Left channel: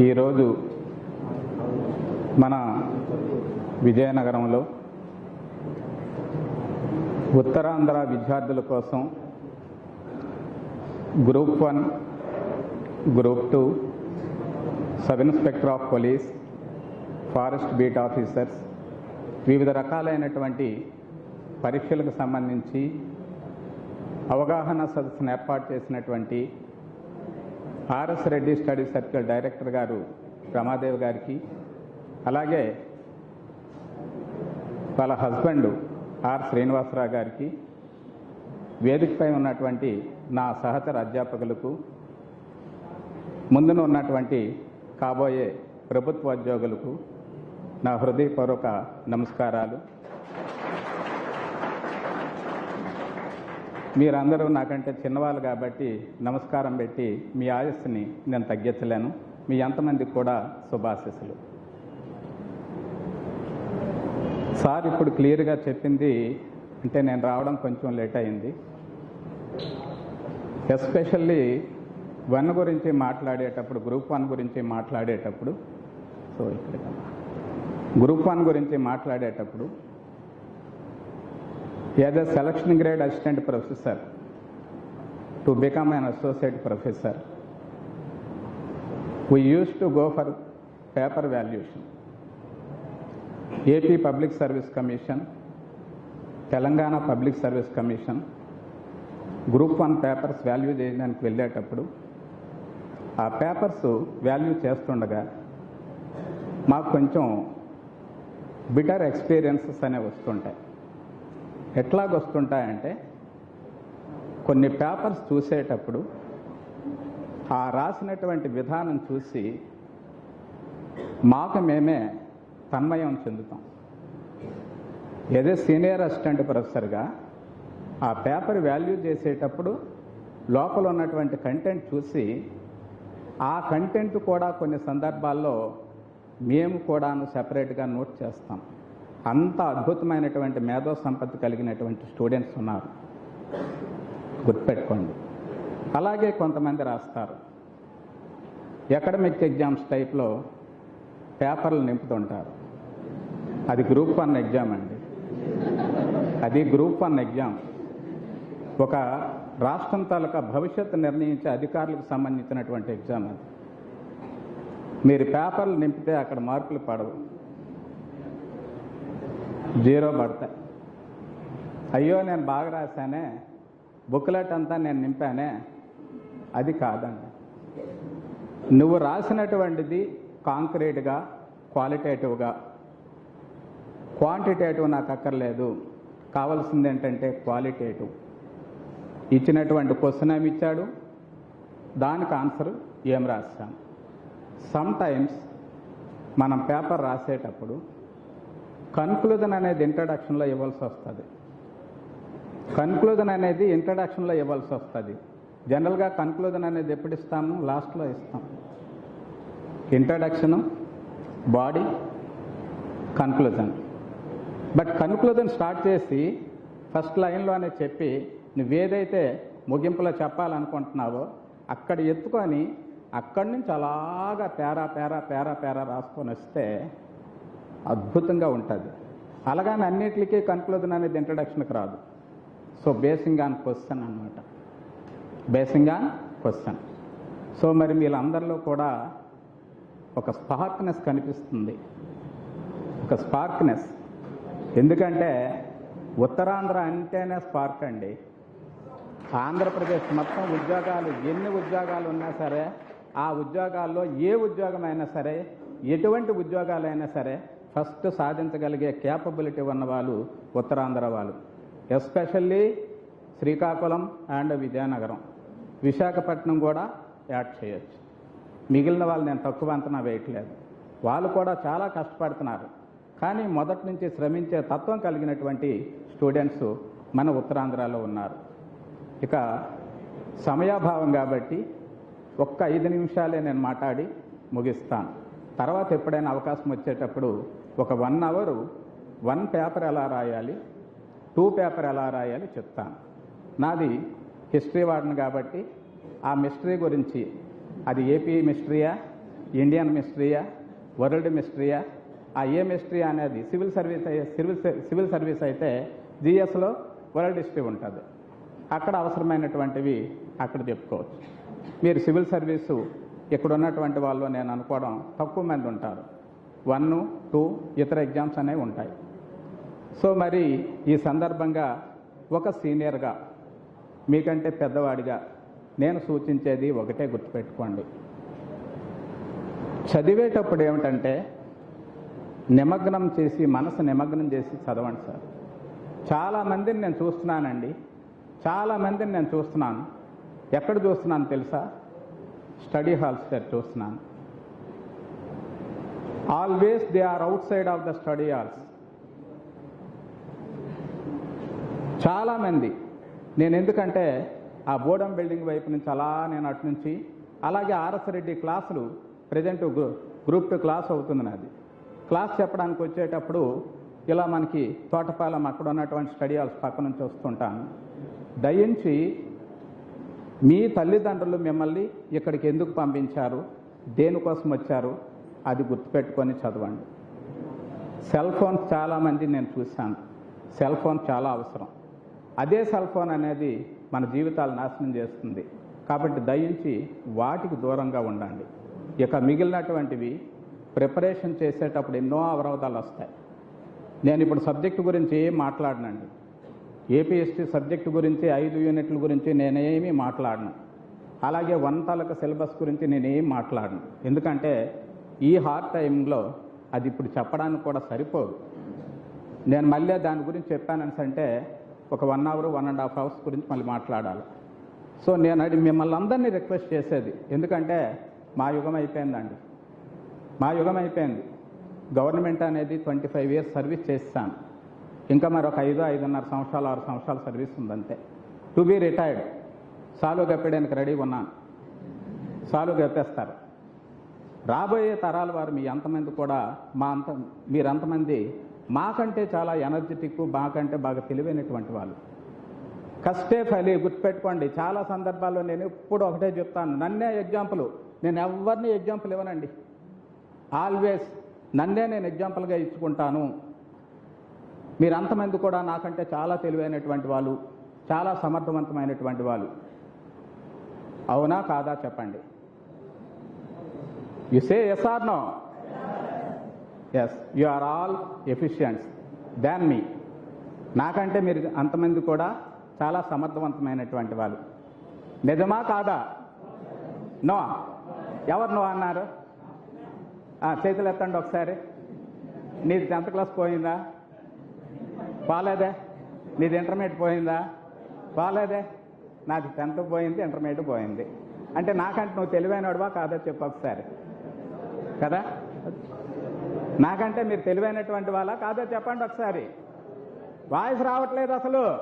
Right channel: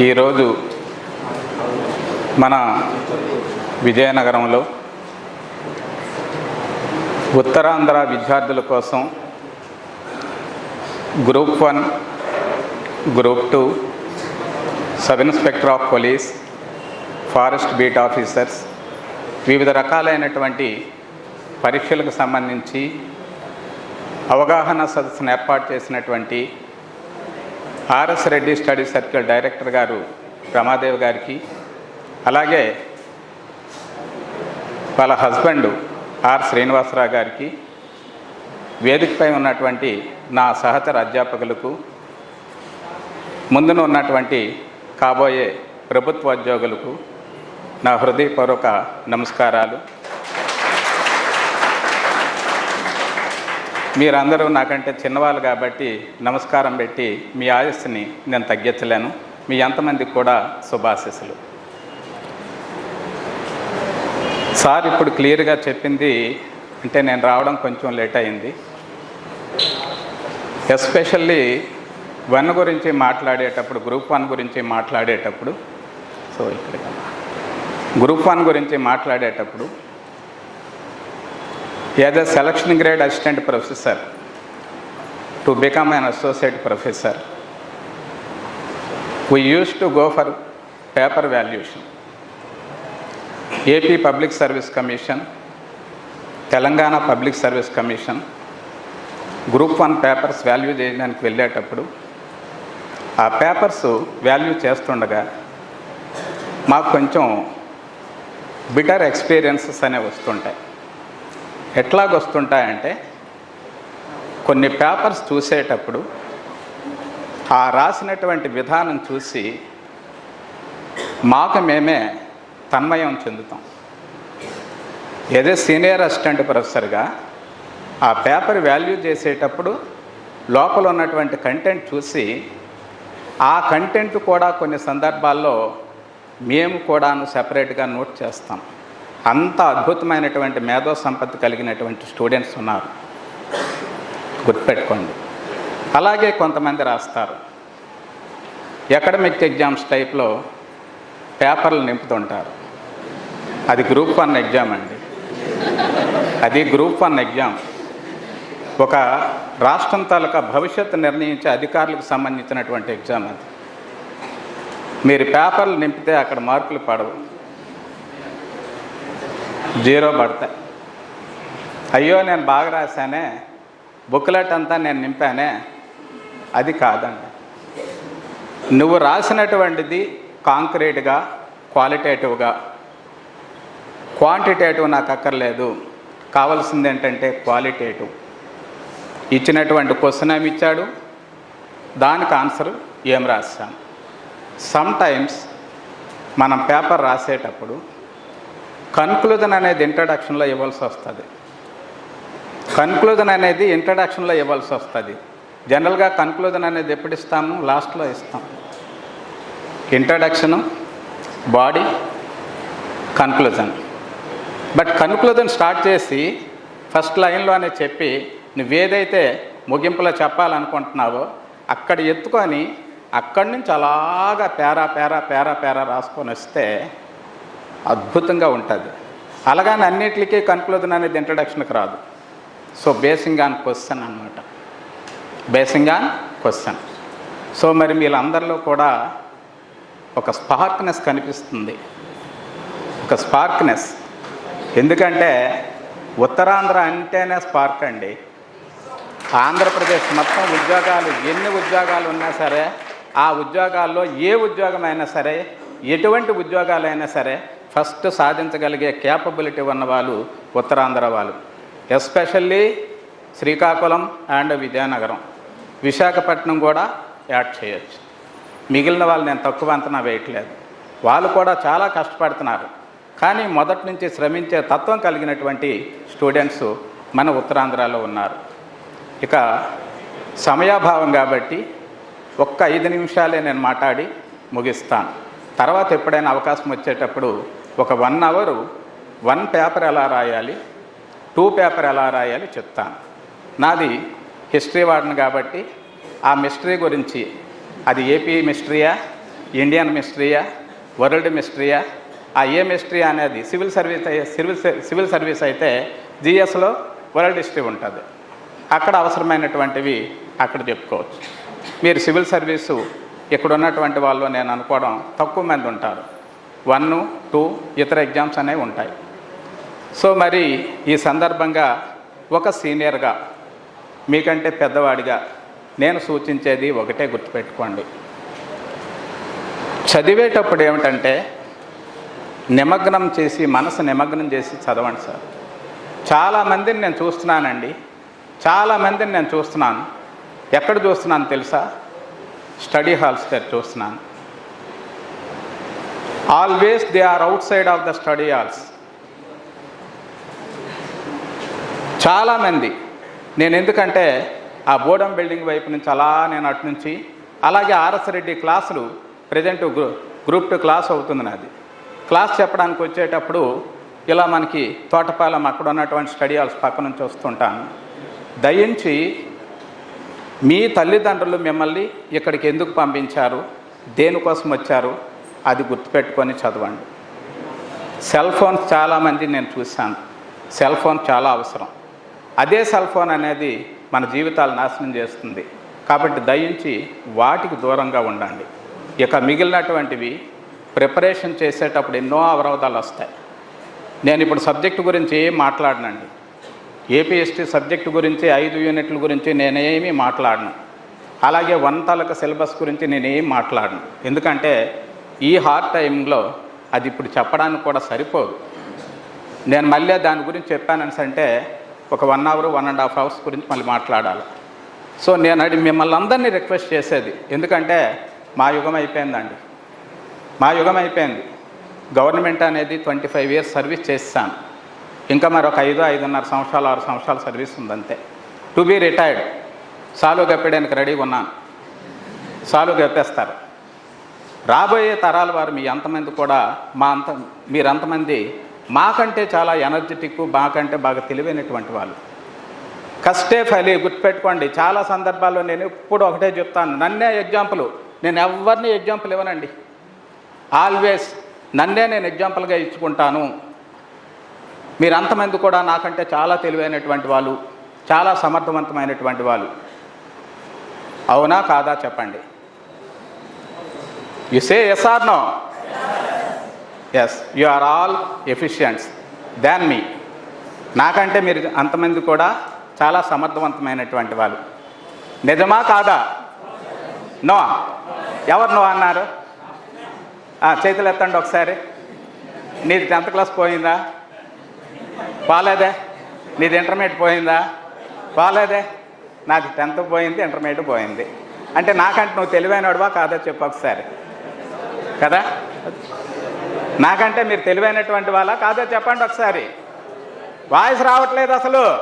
ఈరోజు మన విజయనగరంలో ఉత్తరాంధ్ర విద్యార్థుల కోసం group one group two sub inspector of police forest beat officers వివిధ రకాలైనటువంటి పరీక్షలకు సంబంధించి అవగాహన సదస్సును ఏర్పాటు చేసినటువంటి RS Reddy study circle director గారు రమాదేవ్ గారికి అలాగే వాళ్ళ హస్బెండ్ ఆర్ శ్రీనివాసరావు గారికి వేదికపై ఉన్నటువంటి నా సహచర అధ్యాపకులకు ముందున ఉన్నటువంటి కాబోయే ప్రభుత్వోద్యోగులకు నా హృదయపూర్వక నమస్కారాలు. మీరందరూ నాకంటే చిన్నవాళ్ళు కాబట్టి నమస్కారం పెట్టి మీ ఆయుస్సుని నేను తగ్గించలేను. మీ ఎంతమందికి కూడా శుభాశీస్సులు. సార్ ఇప్పుడు క్లియర్గా చెప్పింది అంటే నేను రావడం కొంచెం లేట్ అయింది. ఎస్పెషల్లీ వన్ గురించి మాట్లాడేటప్పుడు గ్రూప్ వన్ గురించి మాట్లాడేటప్పుడు సో ఇక్కడ. గ్రూప్ వన్ గురించి మాట్లాడేటప్పుడు as a selection grade assistant professor to become an associate professor we use to go for paper valuation AP public service commission Telangana public service commission group one papers value చేయడానికి వెళ్ళేటప్పుడు ఆ papers value చేస్తుండగా మాకు కొంచెం bitter experiences అనేవి వస్తుంటాయి. ఎట్లాగొస్తుంటాయంటే కొన్ని papers చూసేటప్పుడు ఆ రాసినటువంటి విధానం చూసి మాకు మేమే తన్మయం చెందుతాం. ఏదో సీనియర్ అసిస్టెంట్ ప్రొఫెసర్గా ఆ పేపర్ వాల్యూ చేసేటప్పుడు లోపల ఉన్నటువంటి కంటెంట్ చూసి ఆ కంటెంట్ కూడా కొన్ని సందర్భాల్లో మేము కూడాను సెపరేట్గా నోట్ చేస్తాం. అంత అద్భుతమైనటువంటి మేధో సంపత్తి కలిగినటువంటి స్టూడెంట్స్ ఉన్నారు. గుర్తుపెట్టుకోండి. అలాగే కొంతమంది రాస్తారు. అకాడమిక్ ఎగ్జామ్స్ టైప్లో పేపర్లు నింపుతుంటారు. అది గ్రూప్ వన్ ఎగ్జామ్ అండి. అది గ్రూప్ వన్ ఎగ్జామ్. ఒక రాష్ట్రం తాలూకా భవిష్యత్తు నిర్ణయించే అధికారులకు సంబంధించినటువంటి ఎగ్జామ్ అది. మీరు పేపర్లు నింపితే అక్కడ మార్కులు పడవు. జీరో పడతాయి అయ్యో నేను బాగా రాశానే. బుక్లెట్ అంతా నేను నింపానే. అది కాదండి. నువ్వు రాసినటువంటిది కాంక్రీట్గా క్వాలిటేటివ్గా. క్వాంటిటేటివ్ నాకు అక్కర్లేదు. కావాల్సింది ఏంటంటే క్వాలిటేటివ్. ఇచ్చినటువంటి క్వశ్చన్ ఏమి ఇచ్చాడు? దానికి ఆన్సర్ ఏం రాశాను సమ్ టైమ్స్ మనం పేపర్ రాసేటప్పుడు కన్క్లూజన్ అనేది ఇంట్రడక్షన్లో ఇవ్వాల్సి వస్తుంది. కన్క్లూజన్ అనేది ఇంట్రడక్షన్లో ఇవ్వాల్సి వస్తుంది. జనరల్గా కన్క్లూజన్ అనేది ఎప్పుడు ఇస్తాము? లాస్ట్లో ఇస్తాం. Introduction body conclusion. But conclusion start చేసి ఫస్ట్ లైన్లోనే చెప్పి నువ్వేదైతే ముగింపులో చెప్పాలనుకుంటున్నావో అక్కడ ఎత్తుకొని అక్కడి నుంచి అలాగా పేరా పేరా పేరా పేరా రాసుకొని వస్తే అద్భుతంగా ఉంటుంది. అలాగని అన్నిటికీ కన్క్లూజన్ అనేది ఇంట్రడక్షన్కి రాదు. సో బేసింగ్ ఆన్ క్వశ్చన్ అనమాట బేసింగ్ ఆన్ క్వశ్చన్ సో మరి వీళ్ళందరిలో కూడా ఒక స్పార్క్నెస్ కనిపిస్తుంది. ఒక స్పార్క్నెస్ ఎందుకంటే ఉత్తరాంధ్ర అంటేనే స్పార్క్ అండి. ఆంధ్రప్రదేశ్ మొత్తం ఉద్యోగాలు ఎన్ని ఉద్యోగాలు ఉన్నా సరే ఆ ఉద్యోగాల్లో ఏ ఉద్యోగమైనా సరే ఎటువంటి ఉద్యోగాలైనా సరే ఫస్ట్ సాధించగలిగే క్యాపబిలిటీ ఉన్న వాళ్ళు ఉత్తరాంధ్ర వాళ్ళు. Especially Srikakulam and Vizianagaram. Visakhapatnam కూడా యాడ్ చేయొచ్చు. మిగిలిన వాళ్ళు నేను తక్కువ అంతనా వేయట్లేదు. వాళ్ళు కూడా చాలా కష్టపడుతున్నారు. కానీ మొదటి నుంచి శ్రమించే తత్వం కలిగినటువంటి స్టూడెంట్స్ మన ఉత్తరాంధ్రలో ఉన్నారు. ఇక సమయాభావం కాబట్టి ఒక్క ఐదు నిమిషాలే నేను మాట్లాడి ముగిస్తాను. తర్వాత ఎప్పుడైనా అవకాశం వచ్చేటప్పుడు ఒక వన్ అవరు వన్ పేపర్ ఎలా రాయాలి టూ పేపర్ ఎలా రాయాలి చెప్తాను. నాది హిస్టరీ వాడిని కాబట్టి ఆ మిస్టరీ గురించి అది ఏపీ మిస్టరీయా ఇండియన్ మిస్టరీయా వరల్డ్ మిస్టరీయా ఆ ఏ మిస్టరీ అనేది civil service civil ser- civil service అయితే జిఎస్లో వరల్డ్ హిస్టరీ ఉంటుంది. అక్కడ అవసరమైనటువంటివి అక్కడ చెప్పుకోవచ్చు. మీరు సివిల్ సర్వీసు ఇక్కడ ఉన్నటువంటి వాళ్ళు నేను అనుకోవడం తక్కువ మంది ఉంటారు. వన్ టూ ఇతర ఎగ్జామ్స్ అనేవి ఉంటాయి. సో మరి ఈ సందర్భంగా ఒక సీనియర్గా మీకంటే పెద్దవాడిగా నేను సూచించేది ఒకటే గుర్తుపెట్టుకోండి. చదివేటప్పుడు ఏమిటంటే నిమగ్నం చేసి మనసు నిమగ్నం చేసి చదవండి సార్. చాలామందిని నేను చూస్తున్నానండి. చాలామందిని నేను చూస్తున్నాను. ఎక్కడ చూస్తున్నాను తెలుసా? స్టడీ హాల్స్ దగ్గర చూస్తున్నాను. Always they are outside of the study halls చాలామంది నేను ఎందుకంటే ఆ బోడం బిల్డింగ్ వైపు నుంచి అలా నేను అటు నుంచి అలాగే ఆర్ఎస్ రెడ్డి క్లాసులు ప్రజెంట్ గ్రూప్ టూ క్లాస్ అవుతుంది నాది. క్లాస్ చెప్పడానికి వచ్చేటప్పుడు ఇలా మనకి తోటపాలెం అక్కడ ఉన్నటువంటి స్టడీ హాల్స్ పక్క నుంచి వస్తుంటాను. దయించి మీ తల్లిదండ్రులు మిమ్మల్ని ఇక్కడికి ఎందుకు పంపించారు? దేనికోసం వచ్చారు? అది గుర్తుపెట్టుకొని చదవండి. సెల్ ఫోన్స్ చాలామంది నేను చూశాను. సెల్ ఫోన్ చాలా అవసరం. అదే సెల్ ఫోన్ అనేది మన జీవితాలు నాశనం చేస్తుంది. కాబట్టి దయించి వాటికి దూరంగా ఉండండి. ఇక మిగిలినటువంటివి ప్రిపరేషన్ చేసేటప్పుడు ఎన్నో అవరోధాలు వస్తాయి. నేను ఇప్పుడు సబ్జెక్టు గురించి ఏం మాట్లాడనండి. ఏపీఎస్టీ సబ్జెక్టు గురించి ఐదు యూనిట్ల గురించి నేనేమీ మాట్లాడను. అలాగే వన్ తాలూకా సిలబస్ గురించి నేనేం మాట్లాడను. ఎందుకంటే ఈ హార్డ్ టైంలో అది ఇప్పుడు చెప్పడానికి కూడా సరిపోదు. నేను మళ్ళీ దాని గురించి చెప్పానని అంటే ఒక one hour one and half hours గురించి మళ్ళీ మాట్లాడాలి. సో నేను అది మిమ్మల్ని అందరినీ రిక్వెస్ట్ చేసేది ఎందుకంటే మా యుగం అయిపోయిందండి. మా యుగం అయిపోయింది. గవర్నమెంట్ అనేది ట్వంటీ ఫైవ్ ఇయర్స్ సర్వీస్ చేస్తాను. ఇంకా మరొక ఐదు ఐదున్నర సంవత్సరాలు ఆరు సంవత్సరాల సర్వీస్ ఉందంతే. టు బీ రిటైర్డ్ సాలు గప్పడానికి రెడీగా ఉన్నాను. సాలు గప్పేస్తారు రాబోయే తరాల వారు మీ అంతమంది కూడా మా అంత మీరంతమంది మాకంటే చాలా ఎనర్జెటిక్ మాకంటే బాగా తెలివైనటువంటి వాళ్ళు. కష్టే ఫలి గుర్తుపెట్టుకోండి. చాలా సందర్భాల్లో నేను ఎప్పుడు ఒకటే చెప్తాను. నన్నే ఎగ్జాంపుల్ నేను ఎవరిని ఎగ్జాంపుల్ ఇవ్వనండి. ఆల్వేస్ నన్నే నేను ఎగ్జాంపుల్గా ఇచ్చుకుంటాను. మీరు అంతమంది కూడా నాకంటే చాలా తెలివైనటువంటి వాళ్ళు చాలా సమర్థవంతమైనటువంటి వాళ్ళు. అవునా కాదా చెప్పండి. You say yes or no yes you are all efficients than me నాకంటే మీరు అంతమంది కూడా చాలా సమర్థవంతమైనటువంటి వాళ్ళు. నిజమా కాదా? నో ఎవరు నో అన్నారు? చేతులు ఎత్తండి ఒకసారి. నీది టెన్త్ క్లాస్ పోయిందా? పోలేదే నీది ఇంటర్మీడియట్ పోయిందా? పోలేదే నాది టెన్త్ పోయింది ఇంటర్మీడియట్ పోయింది. అంటే నాకంటే నువ్వు తెలివైనవాడువా కాదో చెప్పు ఒకసారి. కదా? నాకంటే మీరు తెలివైనటువంటి వాళ్ళ కాదో చెప్పండి ఒకసారి. వాయిస్ రావట్లేదు అసలు.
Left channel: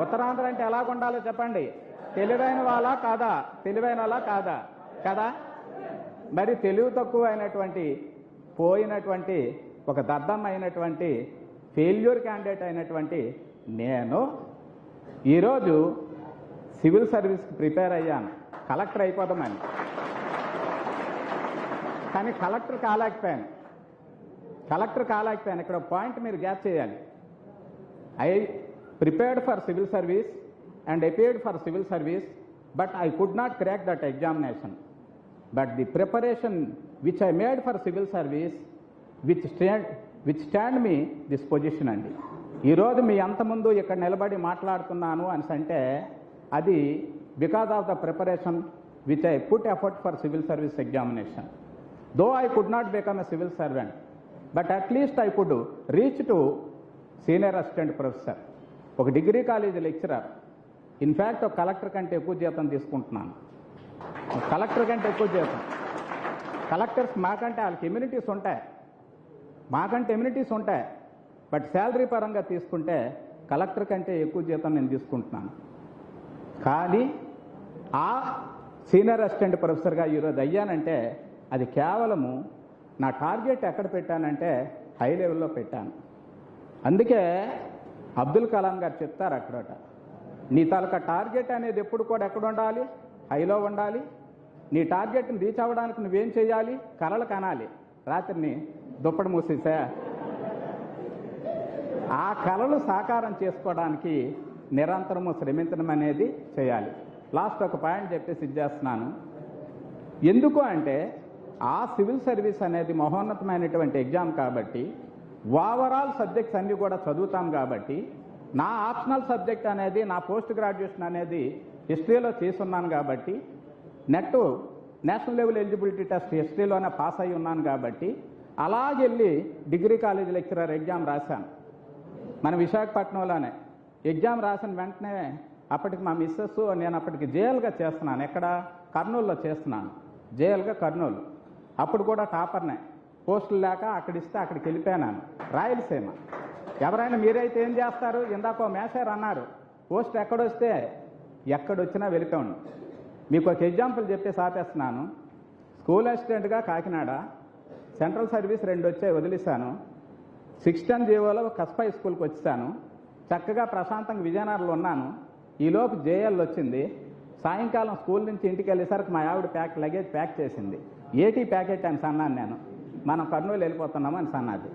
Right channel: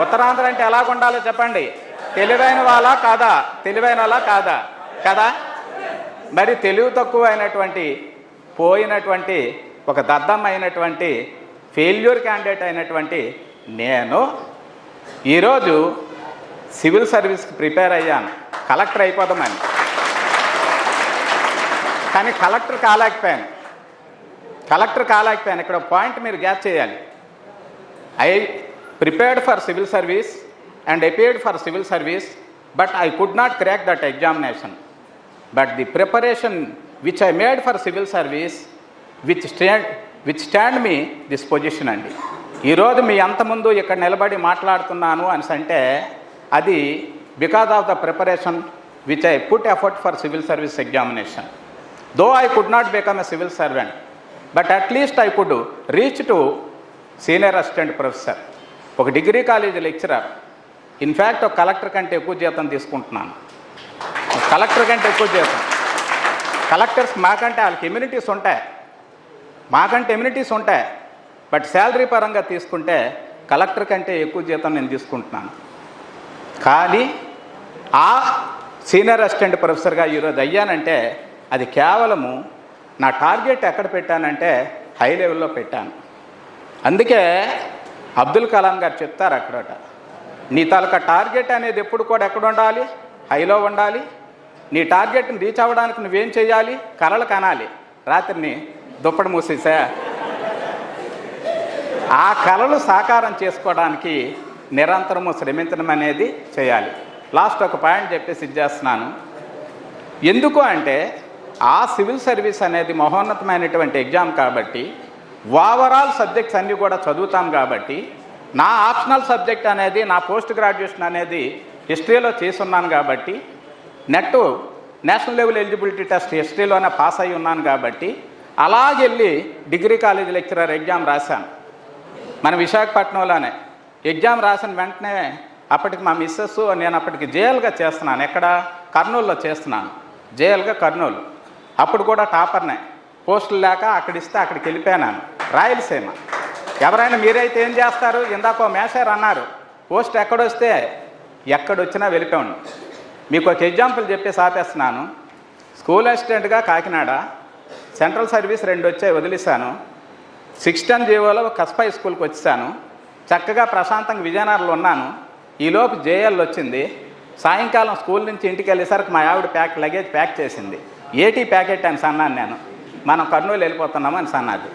ఉత్తరాంధ్ర అంటే ఎలా ఉండాలో చెప్పండి. తెలివైన వాళ్ళ కాదా? తెలివైన వాళ్ళ కాదా? కదా? మరి తెలివి తక్కువ అయినటువంటి పోయినటువంటి ఒక దద్దం అయినటువంటి ఫెయిల్యూర్ క్యాండిడేట్ అయినటువంటి నేను ఈరోజు సివిల్ సర్వీస్కి ప్రిపేర్ అయ్యాను. కలెక్టర్ అయిపోదామని కానీ కలెక్టర్ కాలేకపోయాను. కలెక్టర్ కాలేకపోయాను. ఇక్కడ పాయింట్ మీరు గ్యాప్ చేయాలి. I prepared for civil service and appeared for civil service but I could not crack that examination. But the preparation which I made for civil service which state withstand me this position అండి. ఈరోజు మీ అంతముందు ఇక్కడ నిలబడి మాట్లాడుతున్నాను అని అంటే అది because of the preparation which I put effort for civil service examination though I could not become a civil servant but at least I could reach to senior assistant professor ఒక degree college lecturer in fact ఒక collector కంటే ఎక్కువ జీతం తీసుకుంటున్నాను. Collector కంటే ఎక్కువ జీతం. Collectors మాకంటే వాళ్ళకి ఇమ్యూనిటీస్ ఉంటాయి. మాకంటే ఎమ్యూనిటీస్ ఉంటాయి. బట్ శాలరీ పరంగా తీసుకుంటే కలెక్టర్ కంటే ఎక్కువ జీతం నేను తీసుకుంటున్నాను. కానీ ఆ సీనియర్ అసిస్టెంట్ ప్రొఫెసర్గా ఈరోజు అయ్యానంటే అది కేవలము నా టార్గెట్ ఎక్కడ పెట్టానంటే హై లెవెల్లో పెట్టాను. అందుకే అబ్దుల్ కలాం గారు చెప్తారు అక్కడట నీ తాలూకా టార్గెట్ అనేది ఎప్పుడు కూడా ఎక్కడ ఉండాలి? హైలో ఉండాలి. నీ టార్గెట్ని రీచ్ అవ్వడానికి నువ్వేం చేయాలి? కలలు కనాలి. రాత్రిని దుప్పటి మూసేసా? ఆ కళలు సాకారం చేసుకోవడానికి నిరంతరము శ్రమించడం అనేది చేయాలి. లాస్ట్ ఒక పాయింట్ చెప్పేసి ఇచ్చేస్తున్నాను ఎందుకు అంటే ఆ సివిల్ సర్వీస్ అనేది మహోన్నతమైనటువంటి ఎగ్జామ్ కాబట్టి ఓవరాల్ సబ్జెక్ట్స్ అన్నీ కూడా చదువుతాం కాబట్టి నా ఆప్షనల్ సబ్జెక్ట్ అనేది నా పోస్ట్ గ్రాడ్యుయేషన్ అనేది హిస్టరీలో చేస్తున్నాను కాబట్టి NET national level eligibility test హిస్టరీలోనే pass అయి ఉన్నాను కాబట్టి అలాగెళ్ళి డిగ్రీ కాలేజ్ లెక్చరర్ ఎగ్జామ్ రాశాను. మన విశాఖపట్నంలోనే. ఎగ్జామ్ రాసిన వెంటనే అప్పటికి మా మిస్సెస్ నేను అప్పటికి జేఎల్గా చేస్తున్నాను. ఎక్కడ? కర్నూలులో చేస్తున్నాను. జేఎల్గా కర్నూలు. అప్పుడు కూడా టాపర్నే. పోస్టులు లేక అక్కడిస్తే అక్కడికి వెళ్ళిపోయాను రాయలసీమ. ఎవరైనా మీరైతే ఏం చేస్తారు? ఇందాక మేషారు అన్నారు. పోస్ట్ ఎక్కడొస్తే ఎక్కడొచ్చినా వెళ్ళిపోయాను మీకు ఒక ఎగ్జాంపుల్ చెప్పేసి ఆపేస్తున్నాను. స్కూల్ అసిస్టెంట్గా కాకినాడ సెంట్రల్ సర్వీస్ రెండు వచ్చాయి వదిలేశాను. సిక్స్ టెన్ జీవోలో కస్పై స్కూల్కి వచ్చాను. చక్కగా ప్రశాంతంగా విజయనగరంలో ఉన్నాను. ఈలోపు జేఎల్ వచ్చింది. సాయంకాలం స్కూల్ నుంచి ఇంటికి వెళ్ళేసరికి మా ఆవిడ ప్యాక్ లగేజ్ ప్యాక్ చేసింది. ఏటీ ప్యాకెట్ అని సన్నాను నేను. మనం కర్నూలు వెళ్ళిపోతున్నాము అని సన్నది.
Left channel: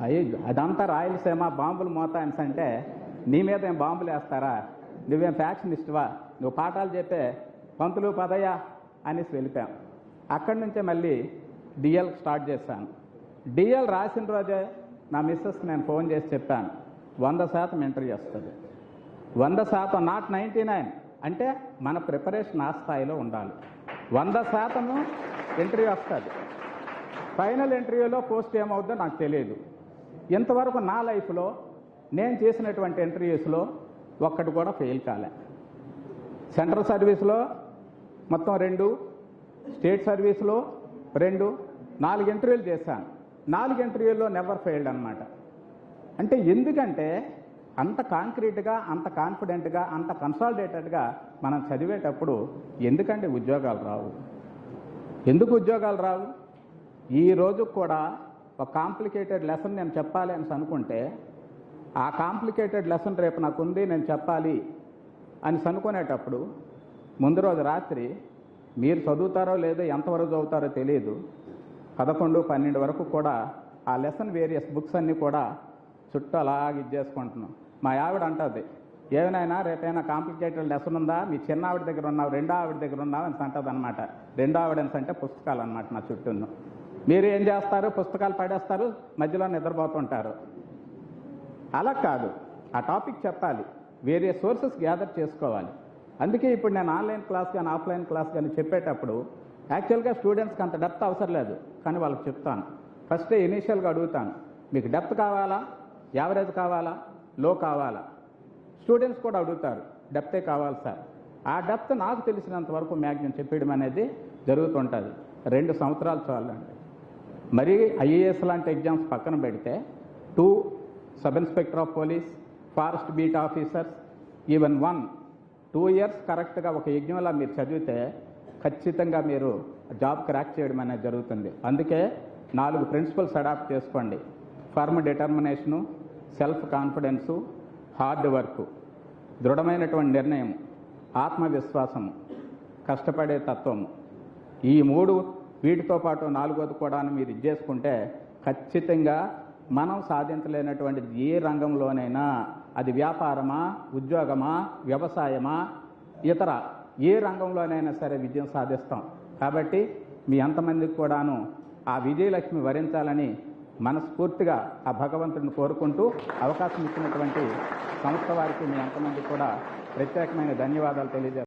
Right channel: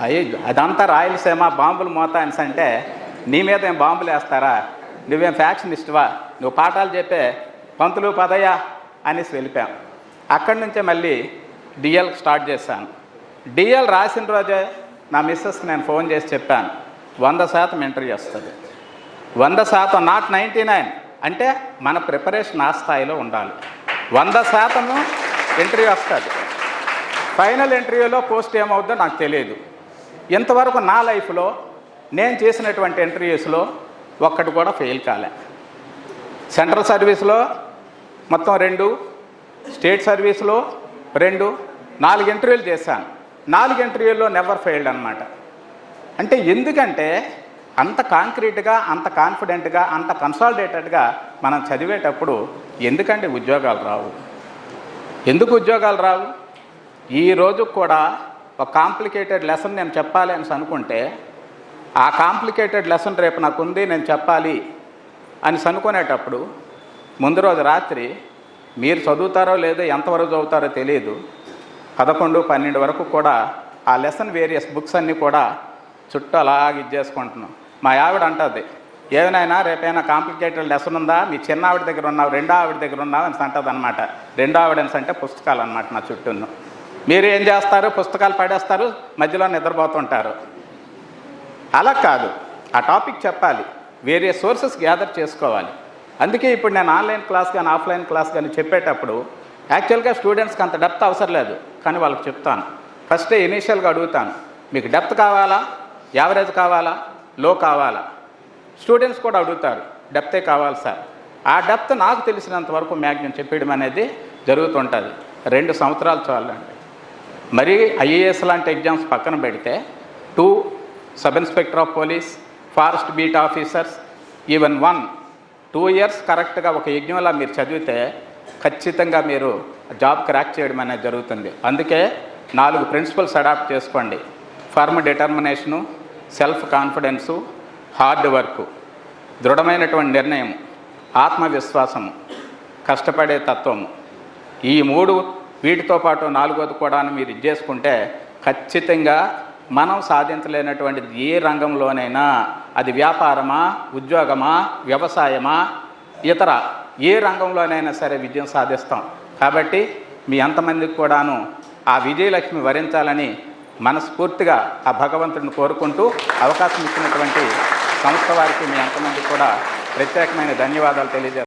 అయ్యో అదంతా రాయలసీమ బాంబులు మోతా అని అంటే నీ మీద ఏం బాంబులు వేస్తారా? నువ్వేం ఫ్యాక్షన్ ఇష్టవా నువ్వు పాఠాలు చెప్పే పంతులు పదయ్యా అనేసి వెళ్ళిపోయాం. అక్కడి నుంచే మళ్ళీ డిఎల్ స్టార్ట్ చేశాను. డిఎల్ రాసిన రోజే నా మిస్సెస్కి నేను ఫోన్ చేసి చెప్పాను. వంద శాతం ఇంటర్వ్యూ వస్తుంది. వంద శాతం నాట్ నైంటీ నైన్ అంటే మన ప్రిపరేషన్ ఆ స్థాయిలో ఉండాలి. వంద శాతము ఇంటర్వ్యూ వస్తుంది. ఫైనల్ ఇంటర్వ్యూలో పోస్ట్ ఏమవుద్దో నాకు తెలియదు. ఇంతవరకు నా లైఫ్లో నేను చేసినటువంటి ఇంటర్వ్యూస్లో ఒక్కటి కూడా ఫెయిల్ కాలే. సెంట్రల్ సర్వీస్లో మొత్తం రెండు స్టేట్ సర్వీస్లో రెండు నాలుగు ఇంటర్వ్యూలు చేశాను. నాలుగు ఇంటర్వ్యూల్లో నెవర్ ఫెయిల్డ్ అనమాట అంటే ఎందుకంటే అంత కాంక్రీట్గా అంత కాన్ఫిడెంట్గా అంత కన్సాలిడేటెడ్గా మనం చదివేటప్పుడు ఎందుకంటే ఉద్యోగాలు రావు? ఎందుకు ఉద్యోగాలు రావు? ఈ రోజు కూడా ఒక కాంప్లికేటెడ్ లెసన్ నేను చెప్పాలి అని అనుకుంటే ఆ కాంప్లికేటెడ్ లెసన్ రేపు నాకు ఉంది నేను చెప్పాలి అని అనుకునేటప్పుడు ముందు రోజు రాత్రి మీరు చదువుతారో లేదో ఎంతవరకు చదువుతారో తెలియదు పదకొండు పన్నెండు వరకు కూడా ఆ లెసన్ వేరియస్ బుక్స్ అన్నీ కూడా చుట్టూ అలాగ ఇచ్చేసుకుంటున్నాం మా ఆవిడ అంటుంది ఏమైనా రేపైనా కాంప్లికేటెడ్ లెసన్ ఉందా? మీ చిన్న ఆవిడ దగ్గర ఉన్నావు? రెండో ఆవిడ దగ్గర ఉన్నావు? అని అంటుంది అనమాట రెండో ఆవిడ అంటే పుస్తకాలు అనమాట నా చుట్టూను. మీరు ఏం చేస్తారు? పుస్తకాలు పడేస్తారు మధ్యలో నిద్రపోతుంటారు. అలా కాదు. ఆ టాపిక్ చెప్పాలి. వేరే సోర్సెస్ గ్యాదర్ చేసుకోవాలి. అందుకే ఇప్పుడు నేను ఆన్లైన్ క్లాస్ కానీ ఆఫ్లైన్ క్లాస్ కానీ చెప్పేటప్పుడు యాక్చువల్గా స్టూడెంట్స్కి అంత డెప్త్ అవసరం లేదు. కానీ వాళ్ళకి చెప్తాను. ఫస్టే ఇనీషియల్గా అడుగుతాను. మీకు డెప్త్ కావాలా? యావరేజ్ కావాలా? లో కావాలా? స్టూడెంట్స్ కూడా అడుగుతారు. డెప్తే కావాలి సార్. ఆ డెప్త్ నాకు తెలిసినంత వరకు మ్యాగ్జిమం చెప్పేయడం అనేది జరుగుతుంటుంది. రెండు సంవత్సరాలు చాలండి. మరి ఐఏఎస్ లాంటి ఎగ్జామ్స్ పక్కన పెడితే two sub inspector of police forest beat officers even one two years కరెక్ట్గా ఒక యజ్ఞంలా మీరు చదివితే ఖచ్చితంగా మీరు జాబ్ క్రాక్ చేయడం అనేది జరుగుతుంది. అందుకే నాలుగు ప్రిన్సిపల్స్ అడాప్ట్ చేసుకోండి. Firm determination self confidence hard work దృఢమైనటువంటి నిర్ణయం ఆత్మవిశ్వాసము కష్టపడే తత్వము. ఈ మూడు వీటితో పాటు నాలుగోది కూడా మీరు ఇది చేసుకుంటే ఖచ్చితంగా మనం సాధించలేనటువంటిది ఏ రంగంలోనైనా అది వ్యాపారమా ఉద్యోగమా వ్యవసాయమా ఇతర ఏ రంగంలోనైనా సరే విజయం సాధిస్తాం. కాబట్టి మీ అంతమందికి కూడాను ఆ విజయలక్ష్మి వరించాలని మనస్ఫూర్తిగా ఆ భగవంతుడిని కోరుకుంటూ అవకాశం ఇచ్చినటువంటి సంస్థ వారికి మీ అంతమందికి కూడా ప్రత్యేకమైన ధన్యవాదాలు తెలియజేస్తాను